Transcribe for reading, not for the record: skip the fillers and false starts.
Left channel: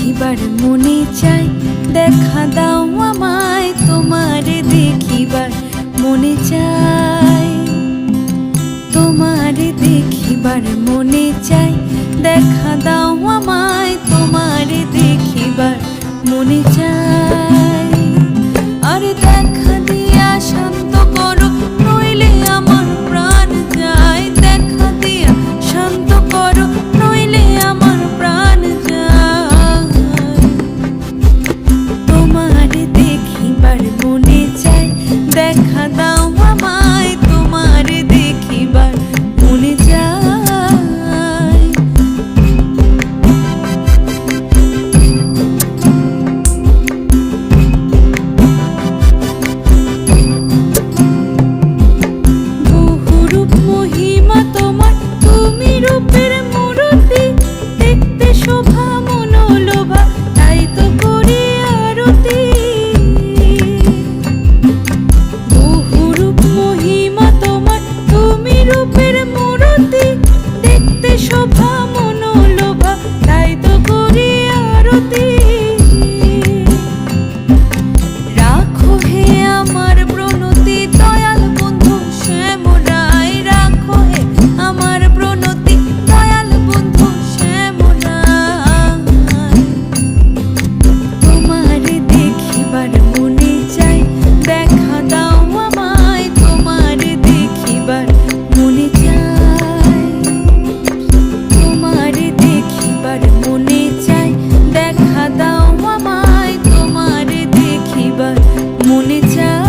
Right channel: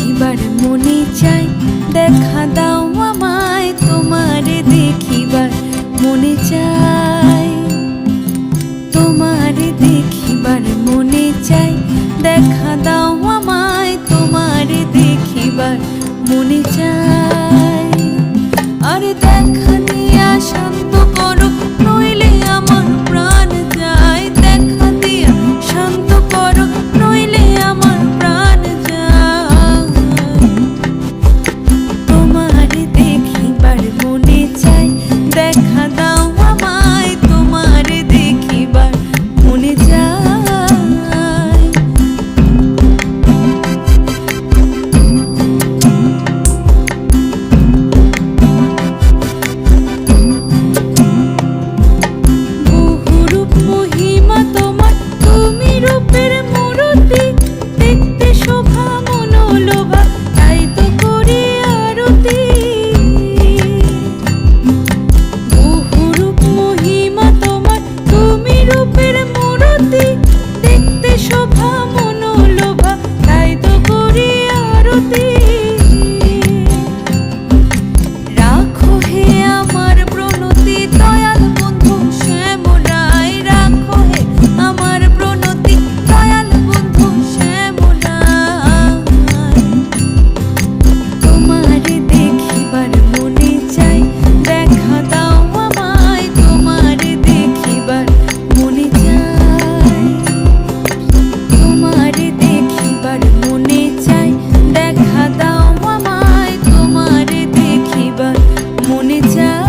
দেখিবার মনে চাই, দেখা দাও আমায় তোমারে দেখিবার মনে চাই। তোমারে দেখিবার মনে চাই, দেখা দাও আমায় তোমারে দেখিবার মনে চাই। আরে দেখা দিয়া শান্ত করো, নইলে আমার প্রাণ যায়। দেখা দিয়া শান্ত করো, নইলে আমার প্রাণ যায়। তোমারে দেখিবার মনে চাই, দেখা দাও আমায় তোমারে দেখিবার মনে চাই। বহুরূপ মহিমা তোমার, তুমি রূপের মূরতি। দেখতে শোভা মনোলোভা, তাই তো করি আরতি। বহুরূপ মহিমা তোমার, তুমি রূপের মূরতি। দেখতে শোভা মনোলোভা, তাই তো করি আরতি। রাখো হে আমার প্রণতি, দয়াল বন্ধু শ্যামরায়। রাখো হে আমার প্রণতি, দয়াল বন্ধু শ্যামরায়। তোমারে দেখিবার মনে চাই, দেখা দাও আমায় তোমারে দেখিবার মনে চাই। তোমারে দেখিবার মনে চাই, দেখা দাও আমায় তোমারে দেখিবার মনে চাই।